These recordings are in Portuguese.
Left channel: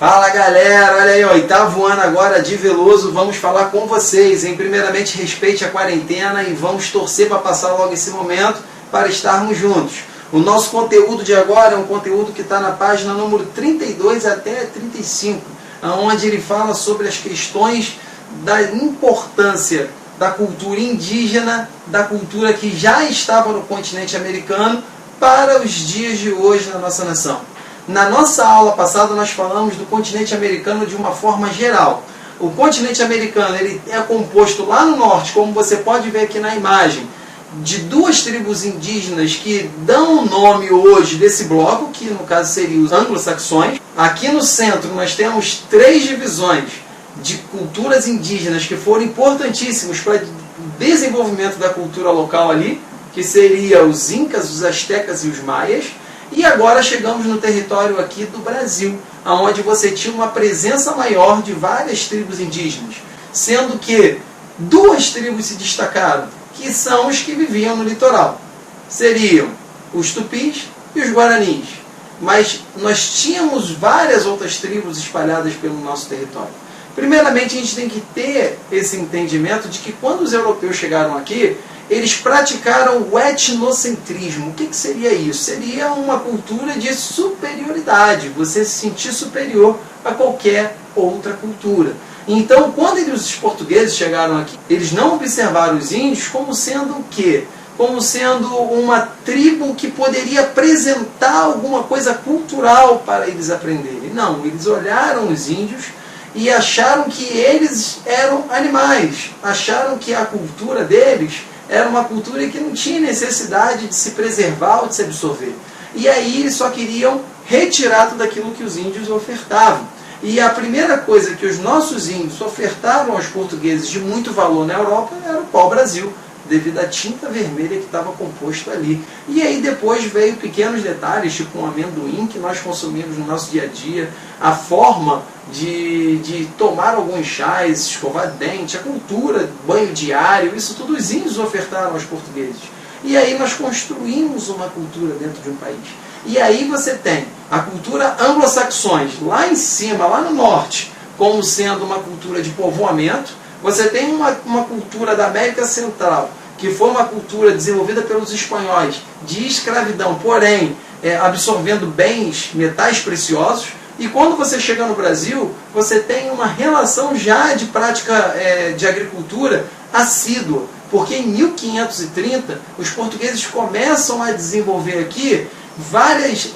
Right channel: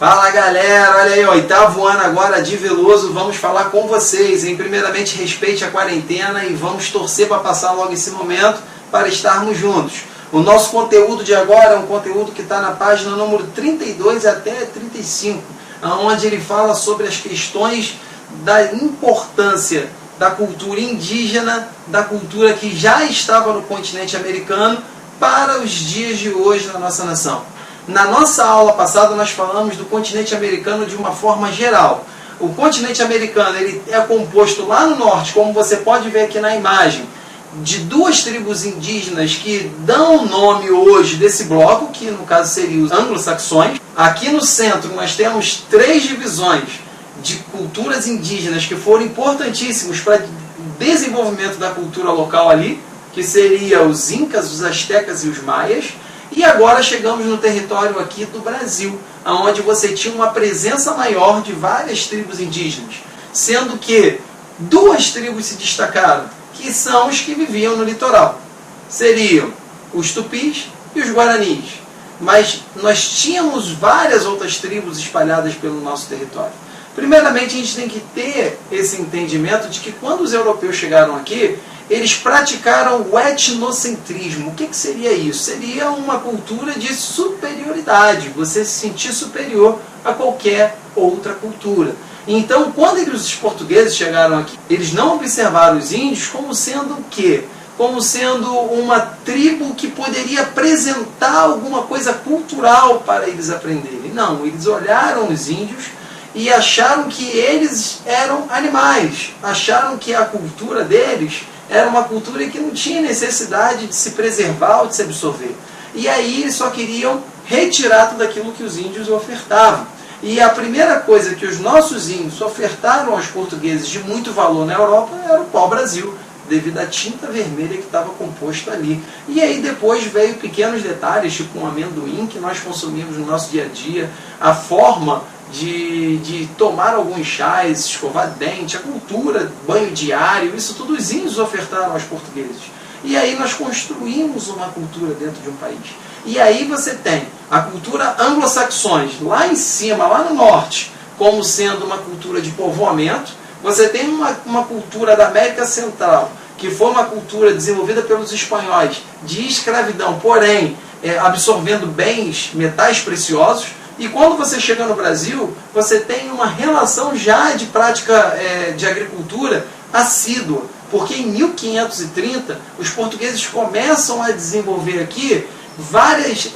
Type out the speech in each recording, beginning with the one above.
Fala galera, olha aí, oitavo ano agora de Veloso, vamos falar com vocês, hein? Primeiramente respeite a quarentena e vamos torcer para passar logo esse momento para estarmos juntos. O nosso conteúdo de agora é um conteúdo que está na página número 32 até 35, onde ele fala sobre as questões da importância da cultura indígena, da cultura que já estava no continente americano para os dias de hoje na nossa nação. Na nossa aula passada nós falamos do continente americano de uma forma geral. O continente americano ele é composto lá no norte, como você pode ver aqui na imagem, de duas tribos indígenas que dão o nome hoje desse bloco, que no caso seriam os anglo-saxões. Aqui no centro nós temos três divisões de culturas indígenas que foram importantíssimos para o desenvolvimento da cultura local ali, que seria os incas, os astecas e os maias. E agora chegamos no território aqui do Brasil, onde você tinha uma presença maior de várias tribos indígenas, sendo que duas tribos se destacaram, que são os que viviam no litoral. Seriam os tupis e os guaranis. Mas nós tínhamos várias outras tribos espalhadas pelo nosso território. Primeiramente, a gente tem que ter esse entendimento de que quando os europeus chegaram aqui, eles praticaram o etnocentrismo. O que seria isso? Seria uma cultura de superioridade, você se sentir superior a qualquer outra cultura. Então, quando os portugueses chegaram aqui, eles não observaram os índios como sendo o quê? Como sendo uma tribo que poderia apresentar alguma coisa cultural para eles aprenderem. Não, eles olharam os índios e acharam que eles eram animais, acharam que a cultura deles era uma cultura que não tinha necessidade de se preservar ou de se absorver. E aí eles só queriam retirar tudo aquilo que os índios ofertavam. E a primeira coisa que os nossos índios ofertaram aos portugueses de muito valor na Europa era o pau-brasil, devido à tinta vermelha que estava composto ali. E aí depois veio pequenos detalhes, tipo um amendoim que nós consumimos no nosso dia a dia, a forma de tomar alguns chás, escovar dente, a cultura, banho diário, isso tudo os índios ofertaram aos portugueses. E aí nós construímos uma cultura dentro de um país. E aí você tem a cultura anglo-saxões, lá em cima, lá no norte, como sendo uma cultura de povoamento. Você tem uma cultura da América Central, que foi uma cultura desenvolvida pelos espanhóis de escravidão, porém absorvendo bens, metais preciosos. E quando você chega no Brasil, você tem uma relação já de prática de agricultura assídua. Porque em 1530, os portugueses começam a desenvolver aqui várias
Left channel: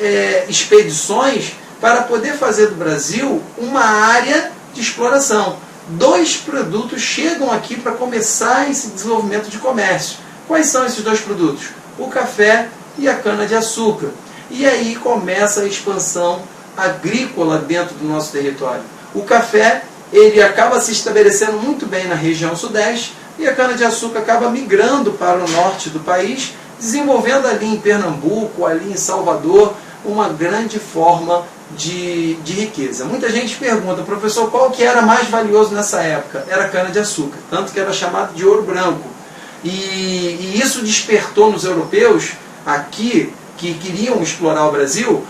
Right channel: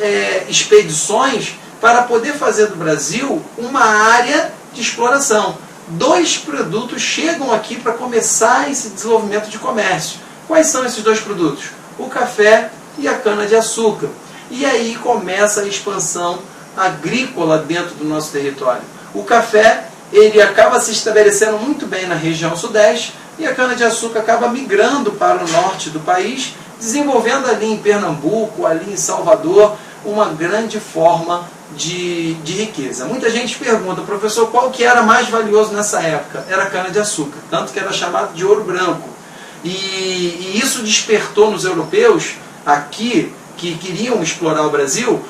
expedições para poder fazer do Brasil uma área de exploração. Dois produtos chegam aqui para começar esse desenvolvimento de comércio. Quais são esses dois produtos? O café e a cana-de-açúcar. E aí começa a expansão agrícola dentro do nosso território. O café ele acaba se estabelecendo muito bem na região sudeste e a cana-de-açúcar acaba migrando para o norte do país, desenvolvendo ali em Pernambuco, ali em Salvador, uma grande forma de riqueza. Muita gente pergunta, professor, qual que era mais valioso nessa época? Era a cana-de-açúcar, tanto que era chamado de ouro branco. E isso despertou nos europeus aqui, que queriam explorar o Brasil,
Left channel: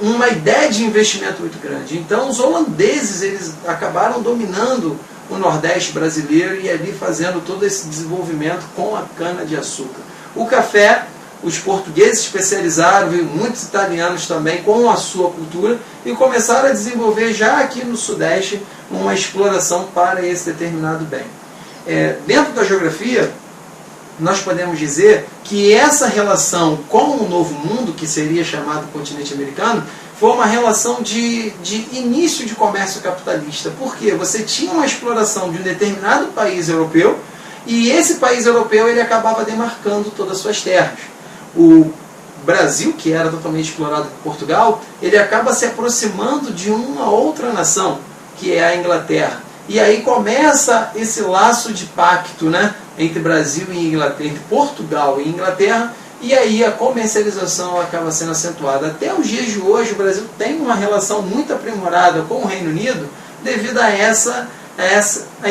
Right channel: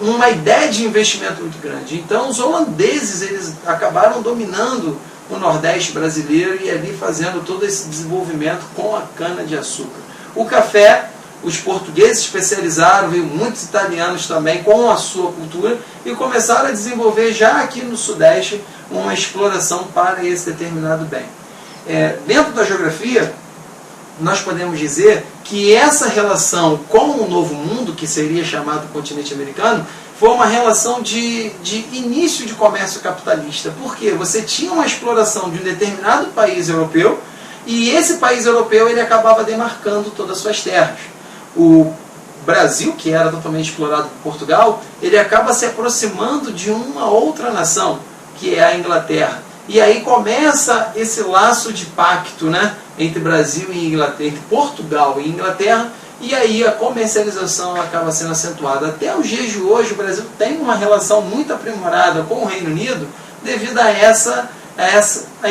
uma ideia de investimento muito grande. Então os holandeses eles acabaram dominando o Nordeste brasileiro e ali fazendo todo esse desenvolvimento com a cana-de-açúcar. O café, os portugueses especializaram, veio muitos italianos também com a sua cultura e começaram a desenvolver já aqui no Sudeste uma exploração para esse determinado bem. Dentro da geografia, nós podemos dizer que essa relação com o Novo Mundo, que seria chamado continente americano, foi uma relação de início de comércio capitalista. Por quê? Você tinha uma exploração de um determinado país europeu e esse país europeu ele acabava demarcando todas as suas terras. O Brasil, que era totalmente explorado por Portugal, ele acaba se aproximando de uma outra nação, que é a Inglaterra. E aí começa esse laço de pacto, né, entre Brasil e Inglaterra, entre Portugal e Inglaterra, e aí a comercialização acaba sendo acentuada. Até os dias de hoje o Brasil tem uma relação muito aprimorada com o Reino Unido devido a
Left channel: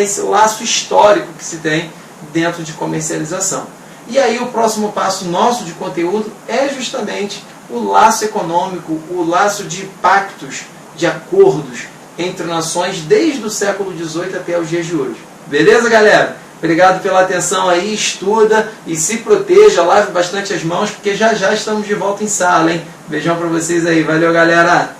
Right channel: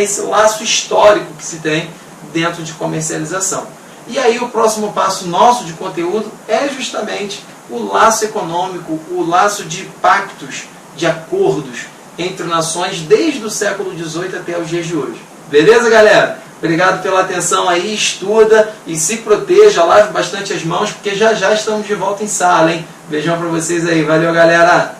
esse laço histórico que se tem dentro de comercialização. E aí o próximo passo nosso de conteúdo é justamente o laço econômico, o laço de pactos de acordos entre nações desde o século XVIII até os dias de hoje. Beleza, galera? Obrigado pela atenção aí, estuda e se proteja, lave bastante as mãos, porque já já estamos de volta em sala, hein? Beijão pra vocês aí, valeu, galera!